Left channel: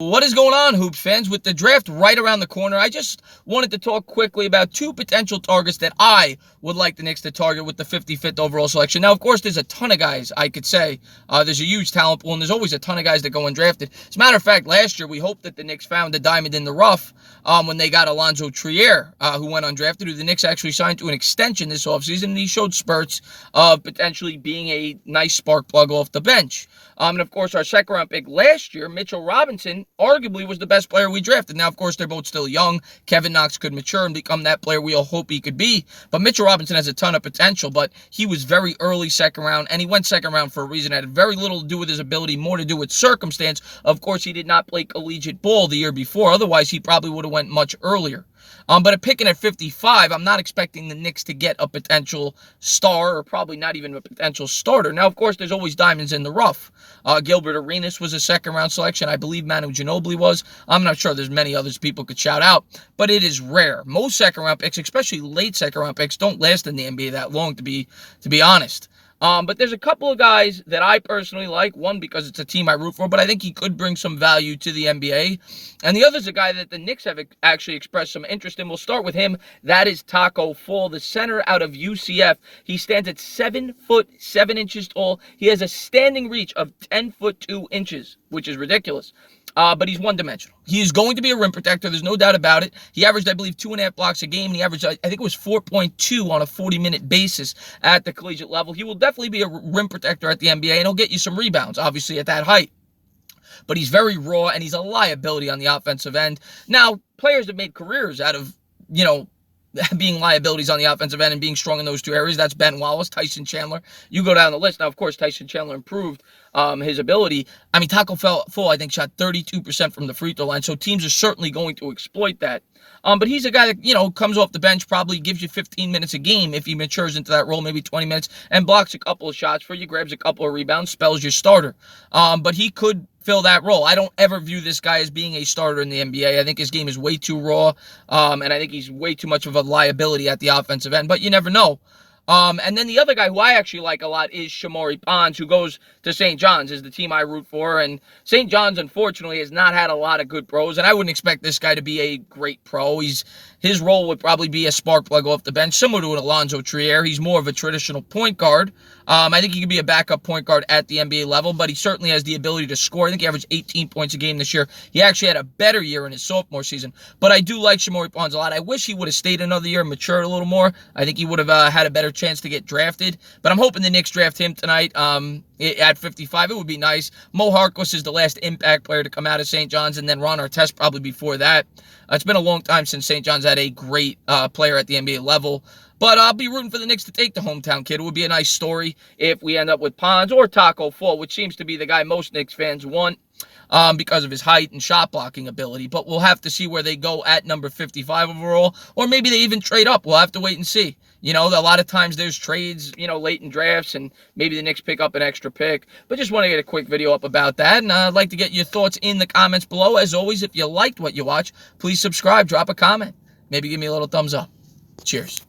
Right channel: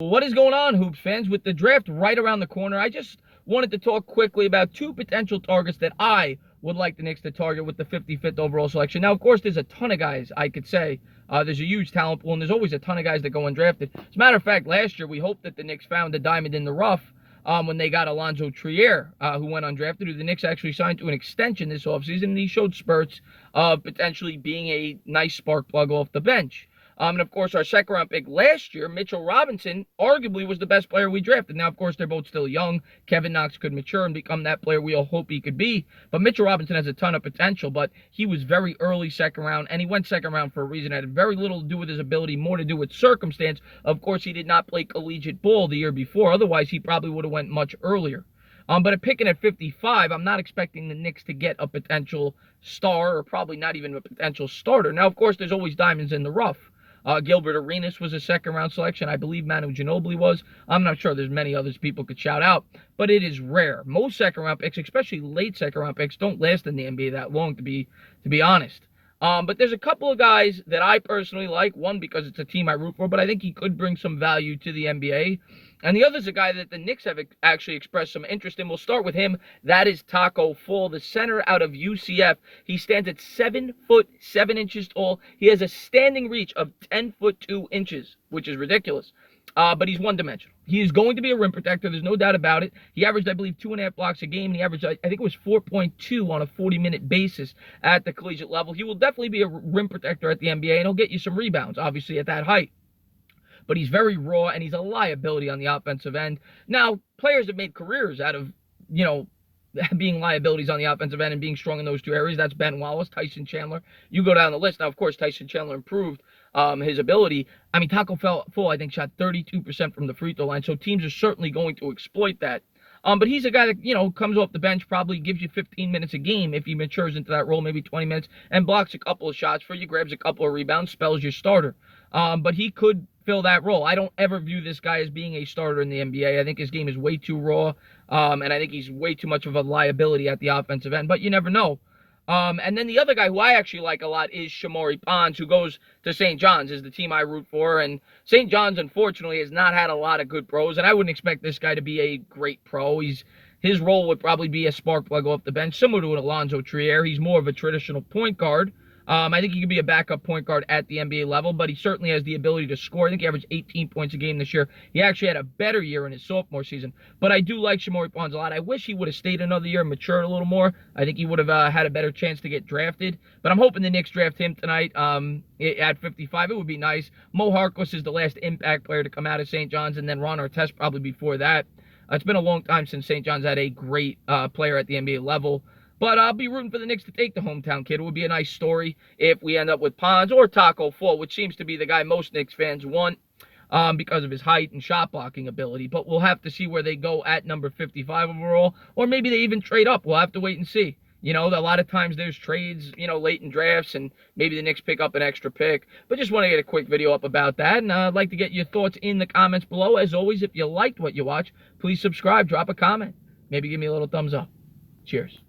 What is going on, Hoops fans? With the draft right around the corner, I just wanted to talk quickly about two potential targets that I would like the Knicks to target with the 55th overall selection. Now, of course, there's a ton of guys, I could say. There's a huge talent pool, and there's always a ton of guys that go undrafted. As a matter of fact, last year, we hoped that the Knicks found a diamond in the rough when they got Alonzo Trier, who went undrafted, who the Knicks actually signed to an extension this offseason, and he showed spurts of potentially being a nice spark plug off the bench. And of course, our second round pick last year, Mitchell Robinson, arguably was the best player we drafted. Now, of course, they're both still young. Kevin Knox could mature and become that player we all hope he could be. But Mitchell Robinson has a ton of potential, but he was very early second round, and he went second round for a reason. It had very little to do with his ability, more to do with circumstance. Of course, he did not play collegiate ball the year before. Otherwise, he probably would have went much earlier. But at picking at 55, I'm not expecting the Knicks to get a potential star or probably not even a potential starter. Now, of course, there's always diamonds in the rough. Gilbert Arenas was a second-round selection. I believe Manu Ginobili was. I'm not sure. There's many others people could shout out, but it is rare. Most second-round picks, especially late second-round picks, don't last in the NBA that long, to be honest. But there's a couple of guys that I personally like. One, because it's a team I root for, but I think he could bring some value to the NBA. And the other is a guy that the Knicks have actually expressed some interest in. We'll start with him. That is Taco Fall, the center out of UCF. He stands at 7'7" tall. He has a standing reach of 10'2", which is ridiculous. But he's one-dimensional. He is going to be a rim protector. There's no doubt about it. He averaged, I believe, 2.5 blocks a game. And he averaged, I think it was 4.2 on a 40-minute basis at the collegiate level. He will definitely be a rim protector at the NBA, and he'll get you some rebounds, obviously, at that height. But he's very raw, and he's a liability on the offensive end. Now, players have made careers out of, being liabilities on the offensive end and being strong in those two areas. That's Ben Wallace, Tyson Chandler. You go down the list. Now, of course, Tyson Chandler improved his ability. I mean, Taco Fall, I think, shot 32% from the free throw line, so teams are certainly going to exploit that. But he's a guy that, comes off the bench, probably gives you 15 minutes a game if he matures into that role, maybe 20 minutes, and blocks a couple of shots for you, grabs a couple of rebounds, spells your starter. But he could fill that role. I don't ever view this guy as being a starter in the NBA. I think his game is way too raw, and I think he's way too much of a liability at the offensive end, but you never know. And then the other guy who I actually like a lot is Shamori Bonds, who goes to St. John's, is the team I root for. And St. John's, unfortunately, has not had a lot of good pros, and I wouldn't expect this guy to be a great pro. His role would probably be a spark plug off the bench, similar to an Alonzo Trier. He's more of a traditional point guard. I think he could be a backup point guard at the NBA level, but he certainly has the ability to score. I think he averaged 18 points a game this year. He actually had a better year in his sophomore season. But I do like Shamori Bonds a lot. I wish he would have stayed another year and matured a little more. I think he would have had a better chance to get drafted. But I'm hoping the Knicks draft him tonight at 55. It would be nice. Mo Harkless is the last impact player to come out of St. John's, and then Ron Artest probably before that. It's been a long time since St. John's had a great player at the NBA level. But I'll be rooting for the Knicks to take the hometown kid. It would be a nice story if we end up with Ponds or Taco Fall, which seems to be the guy most Knicks fans want because of his height and shot blocking ability. But we'll have to see where they go at number 55 overall, or maybe they even trade up. We'll have to wait and see. A lot of times there's trades, late in drafts, and maybe the Knicks pick up an extra pick. But just want to get a quick video up about that, and I'd like to get your thoughts in the comments below. As always, if you liked what you watch, please subscribe, drop a comment. Maybe give me a little thumbs up. Cheers.